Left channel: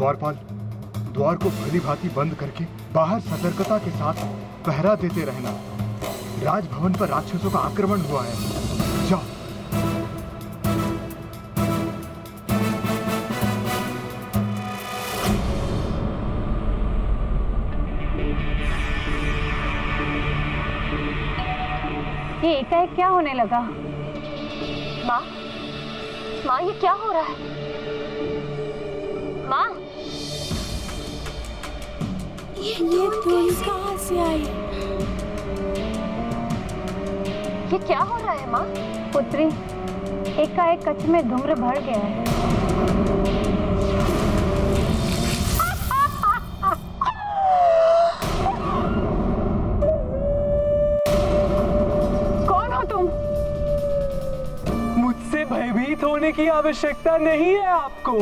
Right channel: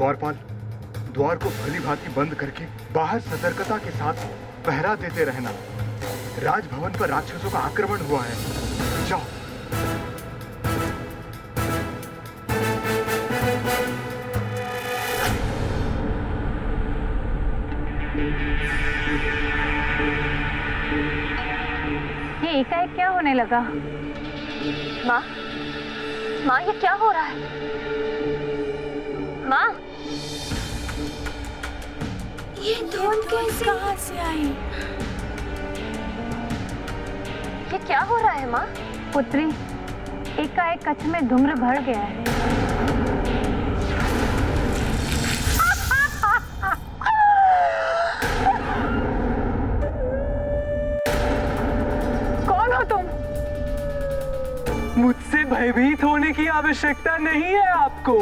द्वारपाल, द्वार को भली भांति बंद करके बाहर सतर्कता के साथ पहरा देते रहना। राजभवन पर राक्षसों का आक्रमण हुआ है। जाओ। ये एकाएक क्या होने लगा? माँ, माँ ये क्या हो रहा है? माँ, ये धुन कहाँ से आई? ये क्या हो रहा है माँ? पुत्री, एकाएक कच्छ में धूम्र भर गया है। कौन हो तुम? मुझसे भयभीत होने की आवश्यकता नहीं है आपको।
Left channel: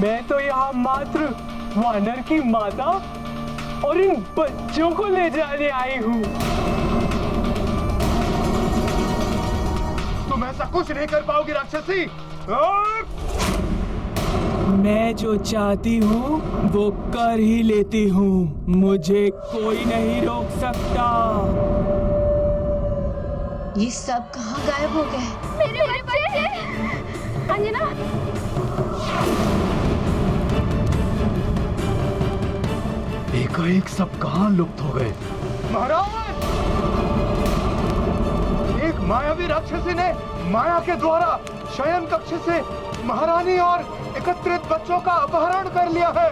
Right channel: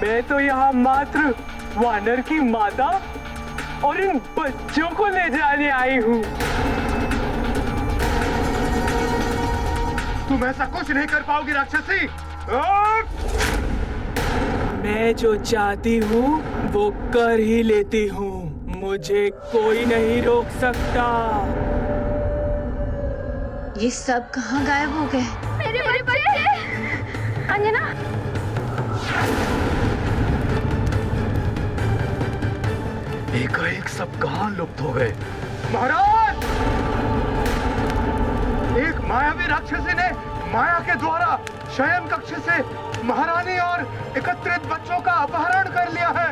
मैं तो यहाँ मात्र वानर की माता और इन बच्चों को ले जाने आई हूँ। तुम ऐसा कुछ नहीं कर पाओगी राक्षसी। मैं जो चाहती हूँ वो कर ही लेती हूँ। मुझे कोई नहीं रोक सकता। ये सब कहाँ गायब हो गए? मेरे बच्चे! अंजना, एकाएक सब कहाँ लुप्त हो गए? महाराज, एक मायावी राक्षसी ने माया के द्वारा शयन कक्ष से महारानी और एकत्रित बच्चों का अपहरण कर लिया है।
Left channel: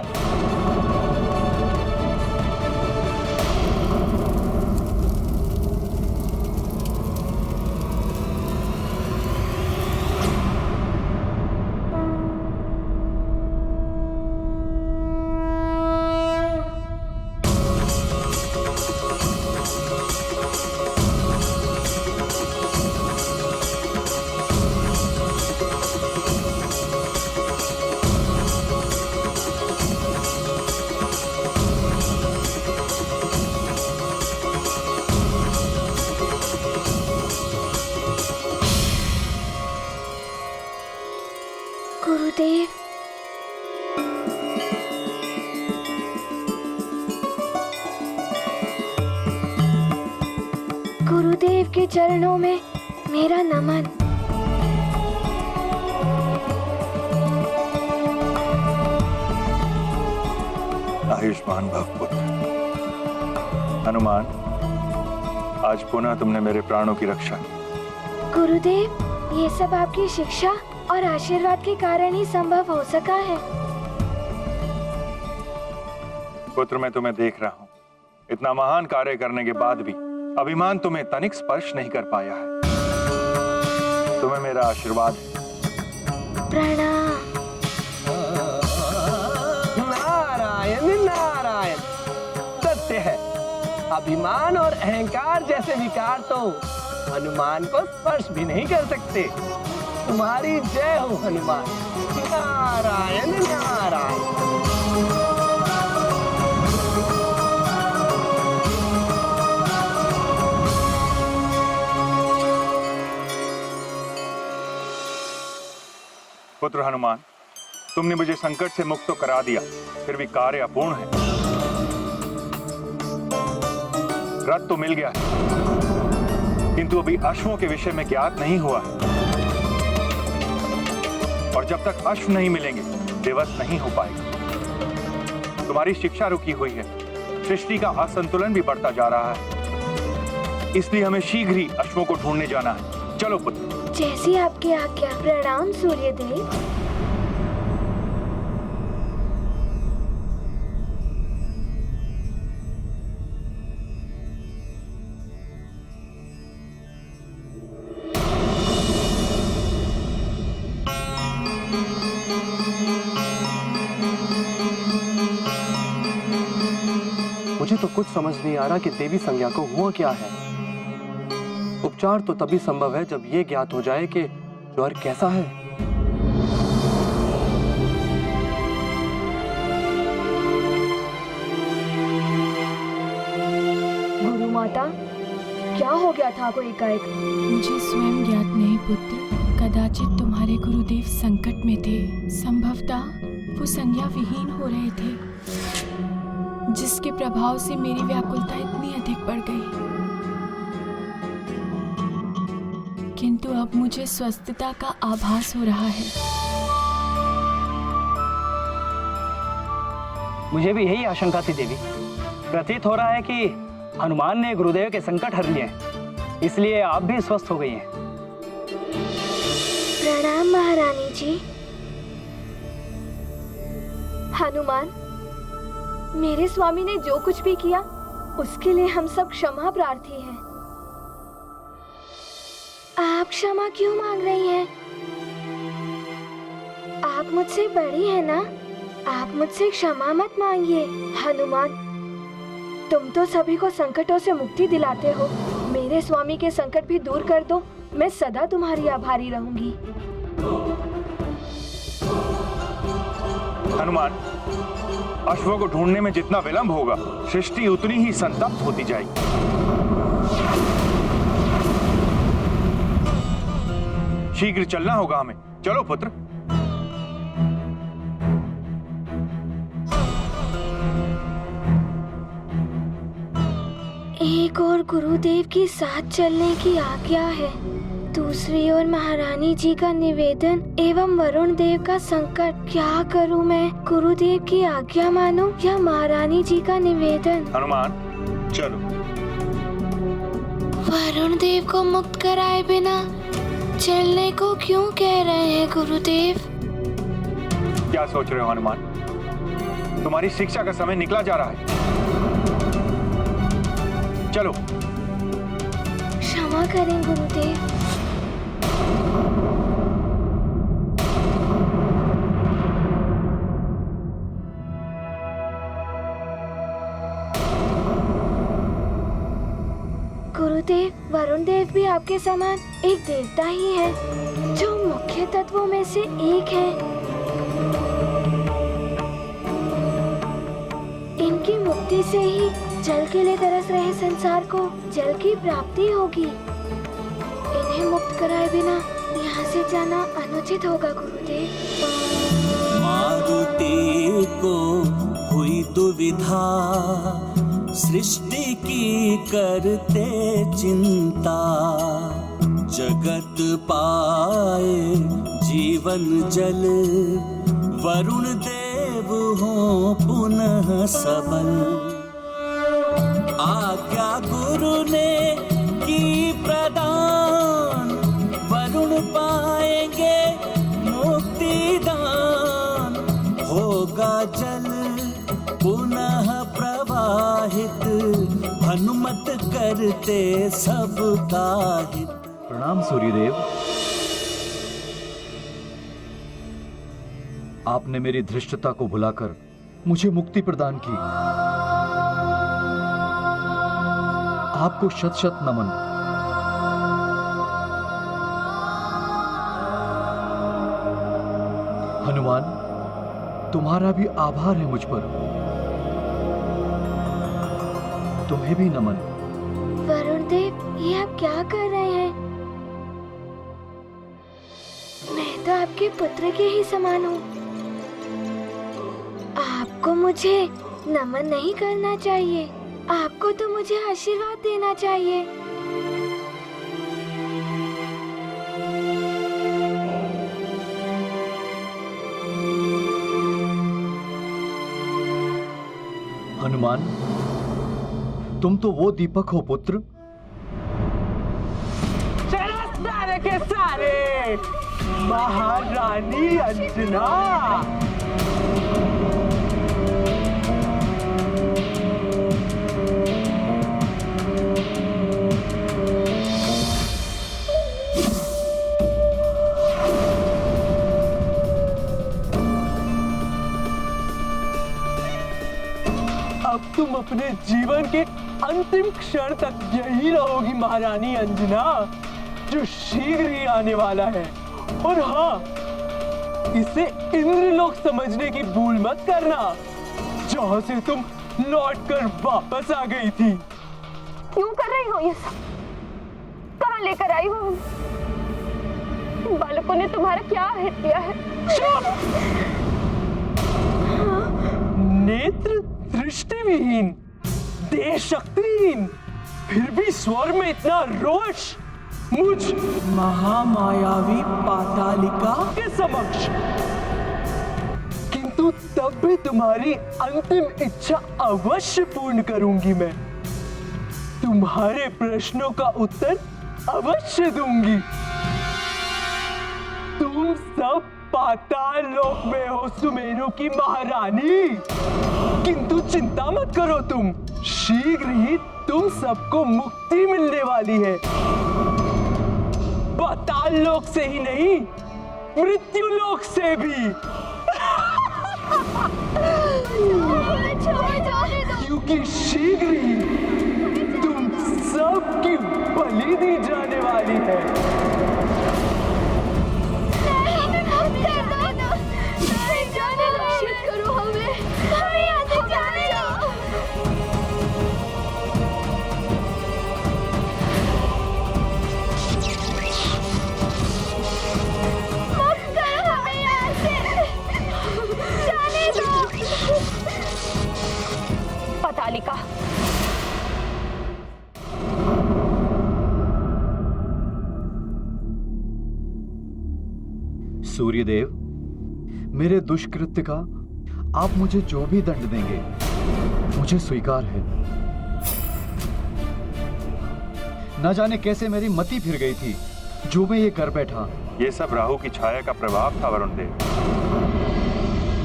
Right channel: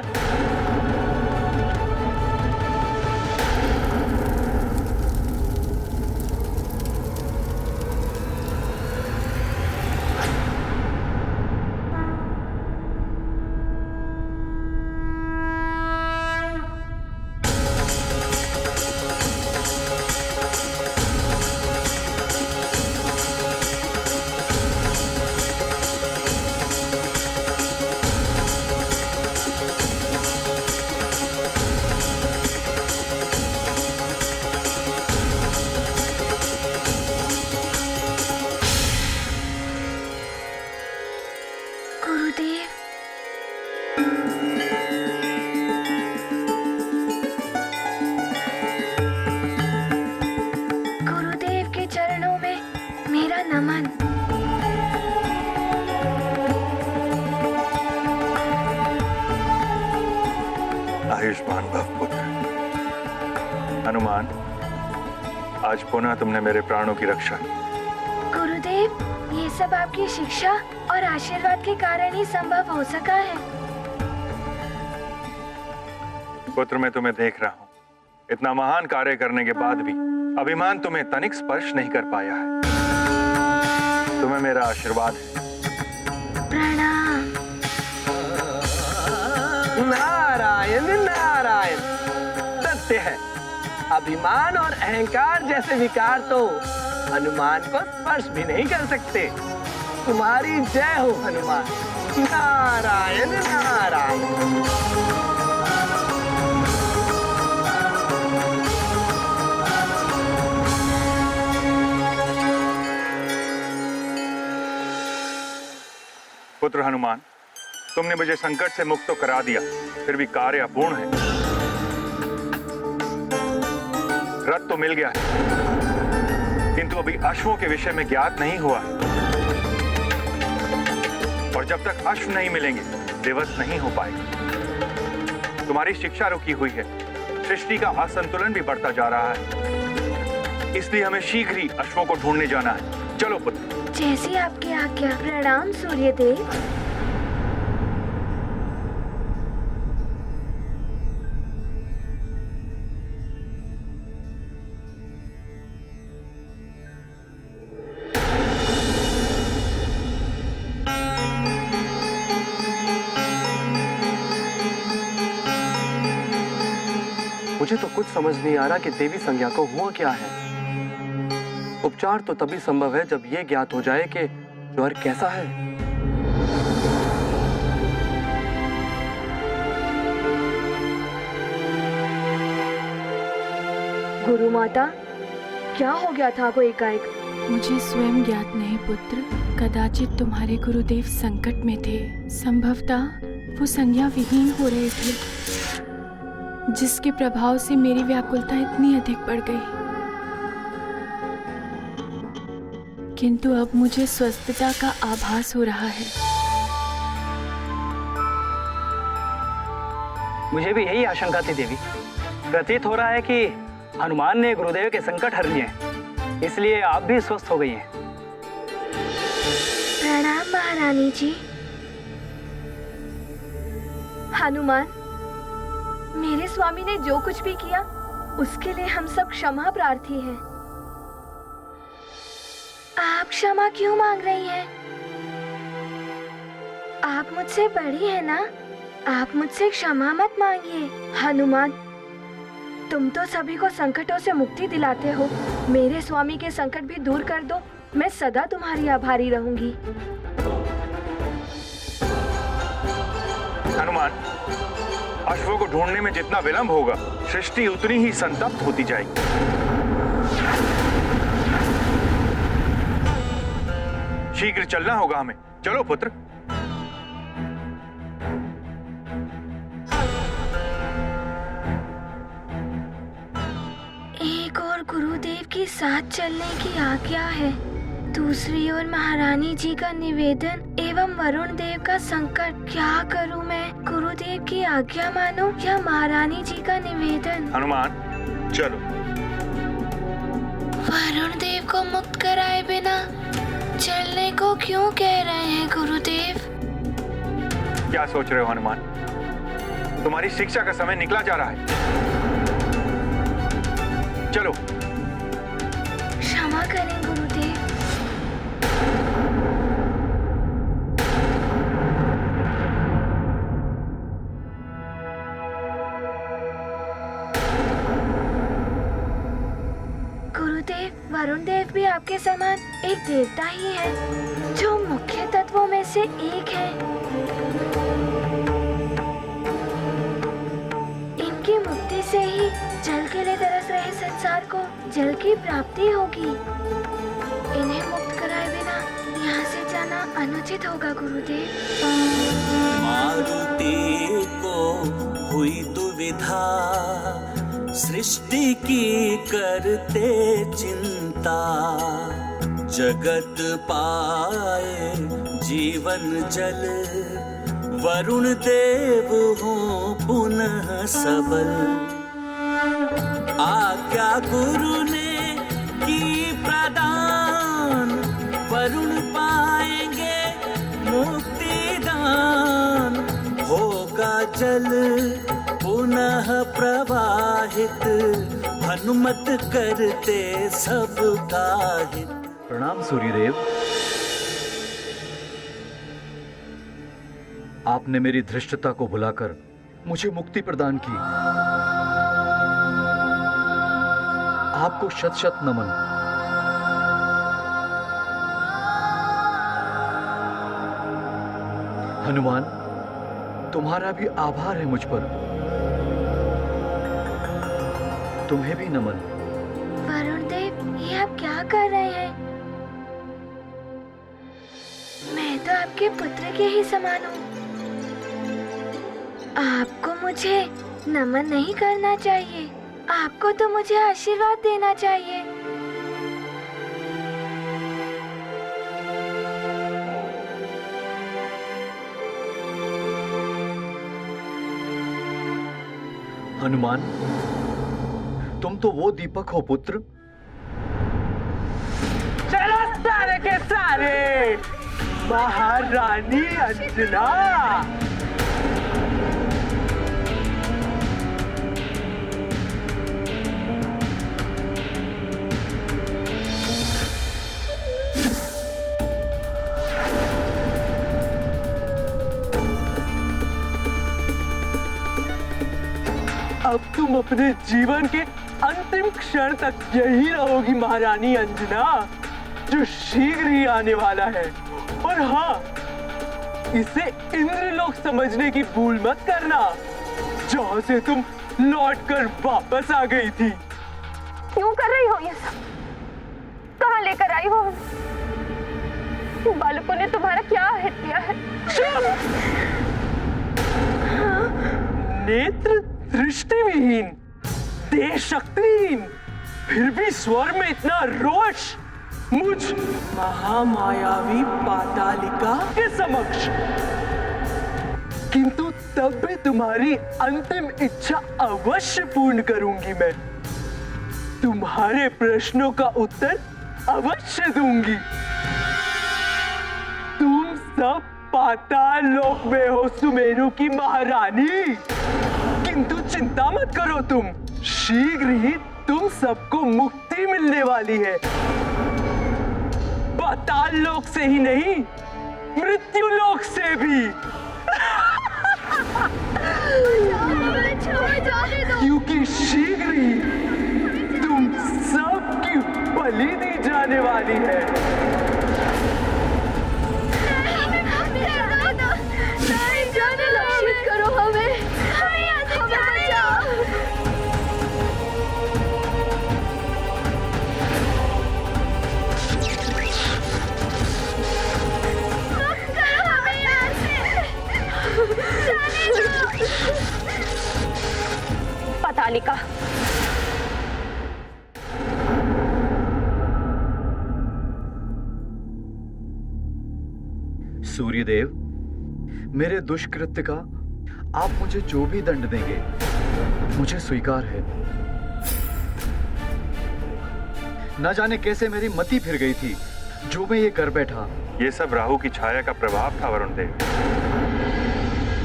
गुरुदेव, गुरुदेव के चरणों में मेरा नमन। आयुष्मान भव पुत्र। हनुमान, आज पुनः तुमने मेरे प्राणों की रक्षा की। गुरुदेव, ये सब आपकी शिक्षा और आशीर्वाद के कारण ही संभव हो सका है। पुत्र, मैं तुम्हें देख रहा हूँ। इतना महान कार्य करने के बाद भी अभिमान तुम्हें तनिक स्पर्श नहीं कर पाया है। तुम्हें मेरा आशीर्वाद है। प्रणाम। नारायण नारायण। सत्य है, अभिमान और अहंकार जैसे विकार तो हनुमान को स्पर्श भी नहीं कर सकते। तुम्हारी जय हो हनुमान। नारायण नारायण। पुत्र हनुमान, तुमने मुझे संकट से मुक्त तो करा दिया, फिर भी कार्य अपूर्ण है। रथ तो मिल गया है, किंतु अभी अश्वों के विषय में ज्ञात नहीं हुआ। और जब तक अश्व नहीं मिलेंगे, दिवस नहीं हो पाएगा। तुम्हारी शिक्षा रुकी हुई है, सृष्टि का असंतुलन भी बढ़ता जा रहा है। इसलिए हमें शीघ्र ही अश्वों को ढूंढने जाना है। चलो पुत्र। जैसी आपकी आज्ञा। प्रणाम सूर्यदेव। मुझे तो कुछ समझ नहीं आ रहा कि देवी संज्ञा को हुआ क्या है। उपचार तो तभी संभव है जब ये ज्ञात हो जाए कि ज्वर कैसा है। गुरु माता, क्या हो गया था आपको एकाएक? मुझे स्वयं ज्ञात नहीं पुत्र। कदाचित तुम्हारे गुरुदेव संकट में थे। संभवतः वो संज्ञा विहीन हो रहे थे, जिसके प्रभाव से मेरी व्याकुलता इतनी अधिक बढ़ गई। किंतु अब मुझे स्वस्थता का आभास हो रहा है। मुझे भी यही आशंका थी देवी। प्रतीत हो रहा है कि हनुमान ने गुरुदेव के संकट हर लिए हैं, इसलिए आप भी स्वस्थ हो गई हैं। प्रणाम महारानी जी। हनुमान, मेरे स्वामी ने जो कुछ भी किया उसके लिए हम सब क्षमा प्रार्थी हैं। आप क्षमा क्यों मांग रही हैं? आप मुझसे बड़ी हैं ना, आप मुझसे क्षमा मत मांगिए। हनुमान, तुम तो सभी को संकटों से मुक्ति दिलाते हो, मेरे स्वामी के संकट भी दूर कर दो, मैं सदा तुम्हारी आभारी रहूंगी। हनुमान, अश्वों को ढूंढने में जितना विलंब होगा, सृष्टि उतनी ही संतप्त होती जाएगी। शीघ्र चलना होगा हमें। चलो पुत्र। एक और गुरुदेव के साथ चलने की आज्ञा है, दूसरी ओर महारानी जी का निवेदन एवं वरुण देव का संकट। क्या करूं मैं? गुरुदेव की आज्ञा मानो या महारानी जी का निवेदन? हनुमान, चलो। वरुण देव को मुक्त कराए बिना चलने को क्यों कह रहे हैं गुरुदेव? क्या सोच रहे हो हनुमान? तुम्हारी शिक्षा का समय निकला जा रहा है। चलो। क्षमा करें गुरुदेव। गुरुदेव, वरुण देव भी आपके समान एक देवता ही है, जो मुख्य तत्वों में से एक है। इनकी मुक्ति से ही जल के लिए तरस रहे संसार को जल की प्राप्ति होगी। इन्हें मुक्त कराए बिना यहाँ से जाना अनुचित होगा गुरुदेव। मारुति को हुई दुविधा, सृष्टि की करते चिंता, जगत पाए जीवन जल, वरुण देव हो पुनः सबल। आज्ञा गुरु ने की प्रदान, वरुण पाएंगे मुक्ति दान, होगा जल पुनः प्रवाहित, हनुमत करते सबका हित। प्रणाम सूर्यदेव। आपने मेरी धृष्टता को भुलाकर मुझे मुक्ति प्रदान की। आपको शत शत नमन। हनुमान, तुम्हारा भी आभार है मुझ पर। तुम्हें भी नमन। वरुण देव, ये आप क्या कर रहे हैं? मैं तो आपके पुत्र के ही समान हूँ। आपको मुझे नमन नहीं करना चाहिए, आपको तो मुझे आशीर्वाद देना चाहिए। हनुमान, तुम तो वो दीपक हो पुत्र। चलो सारे के सारे, महारानी अंजना। अब तुम अपने जीवन के अंतिम क्षण तक यही रहोगी महारानी अंजना, जो शीघ्र ही आने वाला है। और हाँ, इसे इंद्रलोक समझने की भूल मत करना, जहाँ से तुम लौटकर वापस आ गई थी। क्यों कर रही हो ये सब? कहाँ लेकर आई हो हमें? इन बालकों ने तुम्हारा क्या हित किया है? चुप! नेत्र दृष्टिविहीन, देह शक्तिहीन, फिर भी स्वर में इतना रोष मुझ महामायावी पातालिका के समक्ष। किंतु तब भी तुम्हारी अंतिम इच्छा अवश्य पूर्ण करूंगी मैं। तुम्हारे प्रश्नों का उत्तर अवश्य दूंगी। तुम सब पाताल लोक में हो सुमेरु की महारानी, किंतु चिंता मत करो, तुम शीघ्र ही तुम सबको मुक्ति मिलने वाली है। पाताल लोक से ही नहीं, मृत्यु लोक से भी। क्योंकि शीघ्र ही तुम सबकी बलि दी जाने वाली है। रक्षित करो हमें, यहाँ से जाने दो। मुक्त करो हमें यहाँ से, जाने दो। पतालिका, सूर्यदेव, मेरे दुष्कृत्य का आप मुझे जो भी दंड देंगे मुझे स्वीकार है। न जाने कैसे मेरी मति फिर गई थी जो मैं ये कर बैठा। ये सब राहु की छाया का प्रभाव था वरुण देव।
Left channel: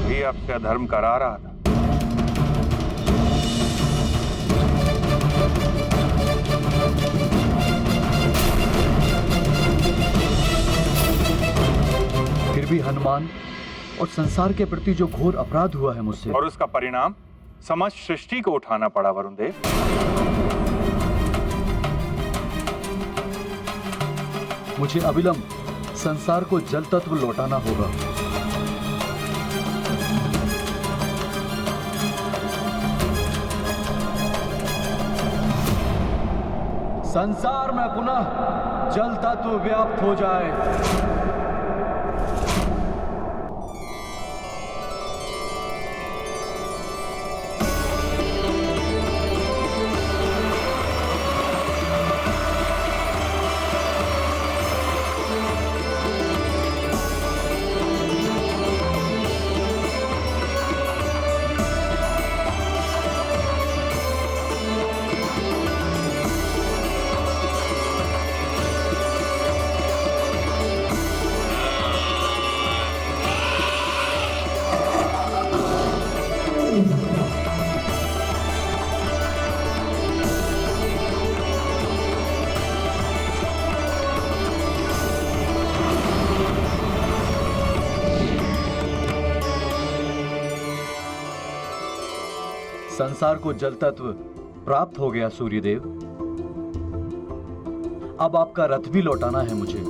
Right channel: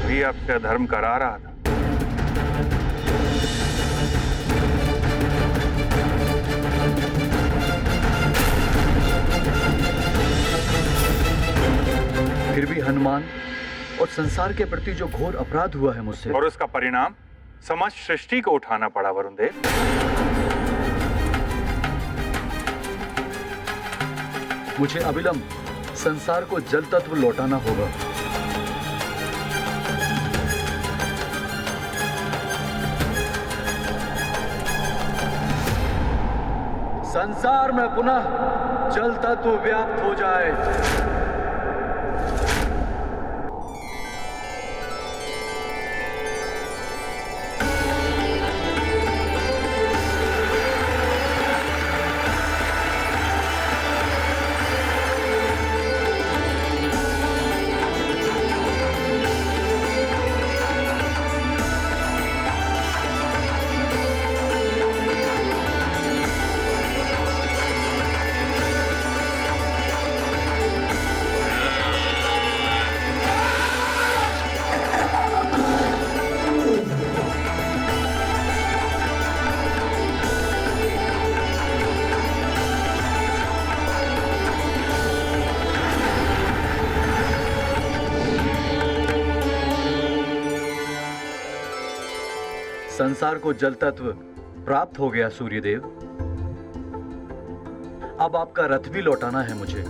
वही आपसे अधर्म करा रहा था। फिर भी हनुमान और संसार के प्रति जो घोर अपराध हुआ है मुझसे, और उसका परिणाम समस्त सृष्टि को उठाना पड़ा वरुण देव। मुझे अविलंब संसार को जल तत्व लौटाना होगा। संसार में पुनः जल तत्व व्याप्त हो जाए। संसार को जल तत्व प्राप्त हो गया सूर्यदेव। अब आपका रथ भी लौटाना है मुझे।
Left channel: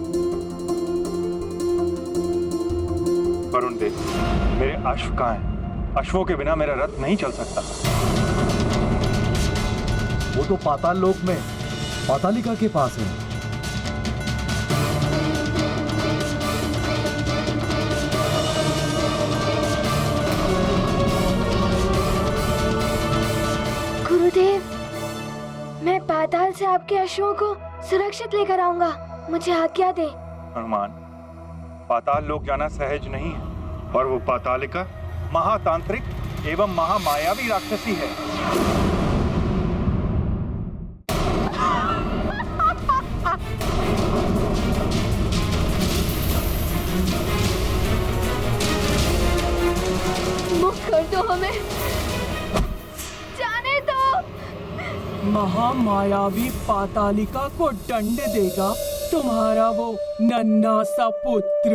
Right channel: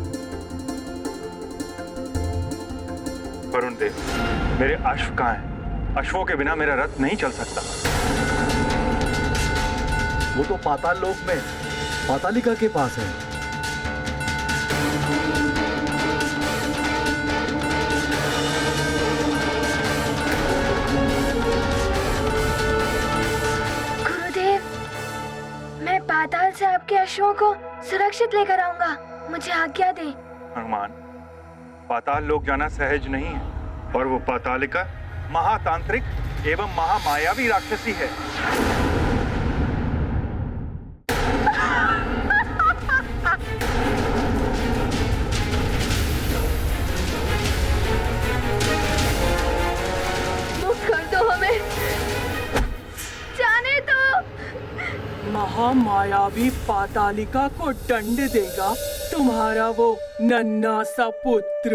वरुण देव, मेरे अश्व कहाँ हैं? अश्वों के बिना मेरा रथ नहीं चल सकता। वो तो पाताल लोक में पातालिका के पास है। गुरुदेव, मैं पाताल से आपके अश्वों को सुरक्षित लेकर आऊंगा, मुझे आज्ञा दें। हनुमान, पाताल लोक जाना सहज नहीं है, और वो पातालिका महातांत्रिक एवं महामायावी राक्षसी है। मुक्त कर दो हमें, जाने दो। महामायावी पातालिका को दंड देगा तुम्हारा वो नन्हा सा पुत्र।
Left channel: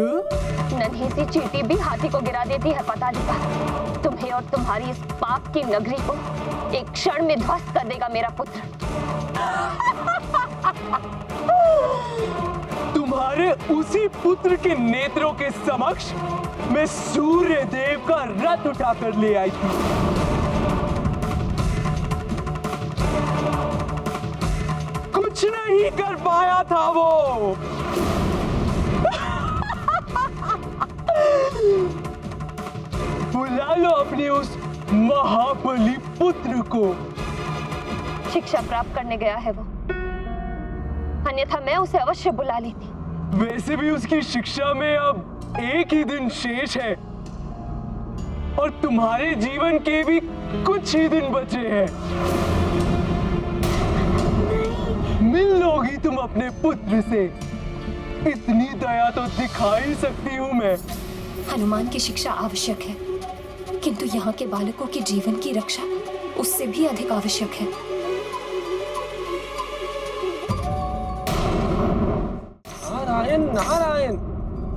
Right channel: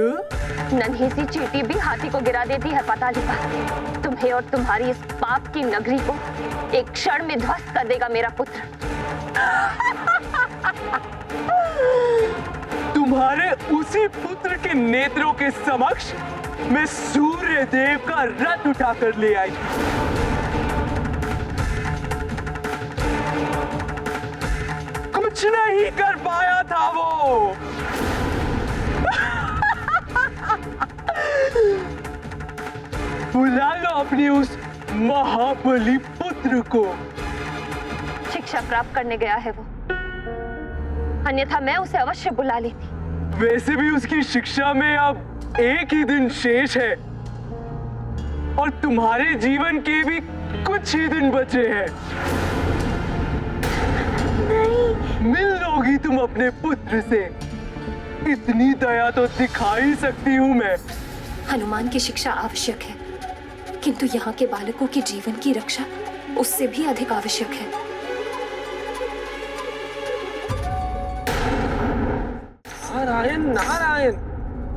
नन्ही सी चींटी भी हाथी को गिरा देती है पातालिका। तुम्हें और तुम्हारी इस पाप की नगरी को एक क्षण में ध्वस्त कर देगा मेरा पुत्र। तुम्हारे उसी पुत्र के नेत्रों के समक्ष मैं सूर्य देव का रथ उठाकर ले आई थी। कुछ नहीं कर पाया था वो। बुला लो अपनी उस महाबली पुत्र को। शिक्षा प्राप्त करने गया है वो, अन्यथा मैं उसे अवश्य बुला लेती। वैसे भी उसकी शिक्षा में अब एक ही दिन शेष है और तुम्हारे जीवन के भी कुछ ही दिन बचे हैं। नहीं। मिल लोगी तुम अपने पुत्र से, इतनी दया तो दिखा ही सकती हूँ मैं। हनुमान की शिक्षा आवश्यक है, किंतु यहाँ के बालकों के जीवन की रक्षा उससे भी अधिक आवश्यक है। नारायण नारायण।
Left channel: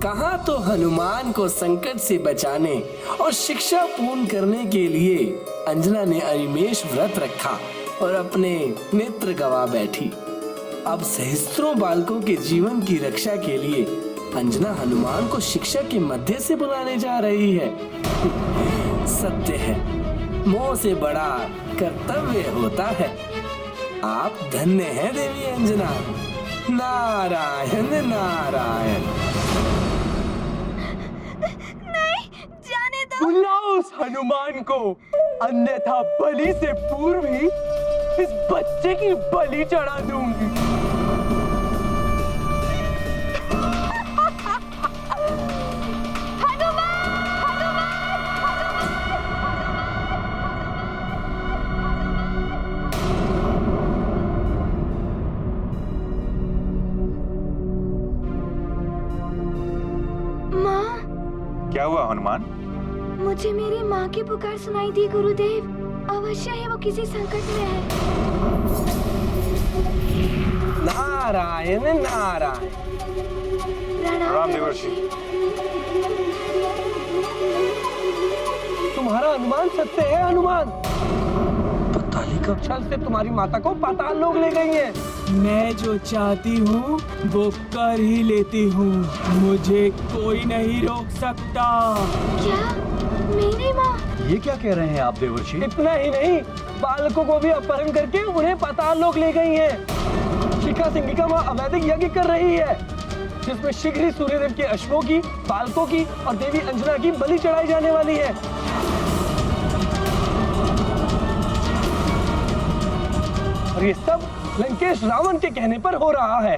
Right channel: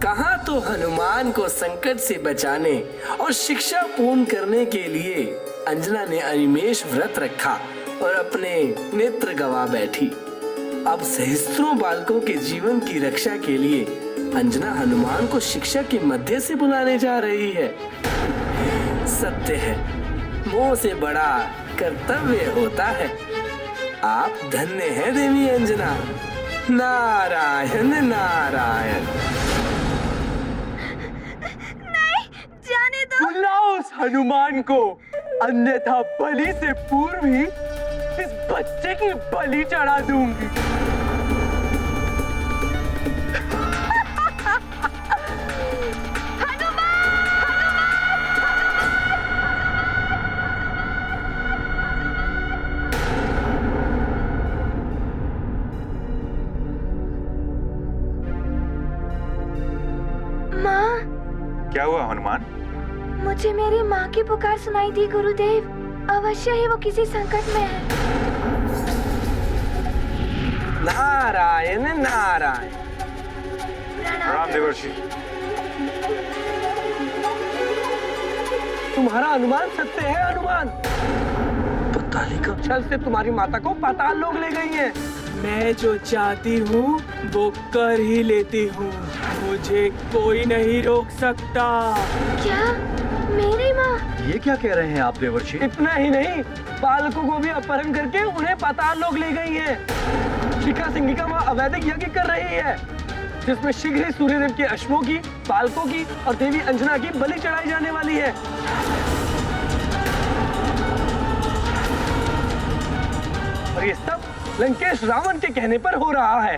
कहाँ तो हनुमान को संकट से बचाने और शिक्षा पूर्ण करने के लिए अंजना ने अनिमेष व्रत रखा और अपने नेत्र गवा बैठी। अब सहस्त्रों बालकों के जीवन की रक्षा के लिए अंजना हनुमान को शिक्षा के मध्य से बुलाने जा रही है। सत्य है, मोह से बड़ा कर्तव्य होता है। आप धन्य हैं देवी अंजना। नारायण नारायण। नहीं, जाने दो। बुलाओ उस हनुमान को, अन्यथा बलि से पूर्व ही इस बच्चे की बलि चढ़ा दूंगी। क्या हुआ हनुमान? मुझे मेरी माँ की पुकार सुनाई दी गुरुदेव। अवश्य ही वो किसी संकट में है। नारायण नारायण। प्रणाम देवर्षि। तुम्हारा अनुमान सत्य है हनुमान। पतालिका छल से तुम्हारी माता को पाताल लोक ले गई हैं। मैं जो चाहती हूँ वो कर ही लेती हूँ, मुझे कोई नहीं रोक सकता। क्या? मेरी माँ? ये क्या कह रहे हैं आप देवर्षि? इतना ही नहीं, बालकों को भी अपहरण करके उन्हें पाताल लोक ले गई हैं। शिखा सिंगिका माँ अवैधिक यज्ञ कर रही है, जिसमें शीघ्र ही सूर्यदेव के अश्वों की, बालकों की और देवी अंजना की बलि चढ़ाई जाने वाली है। और ये सब लंकेश रावण के कहने पर हो रहा है।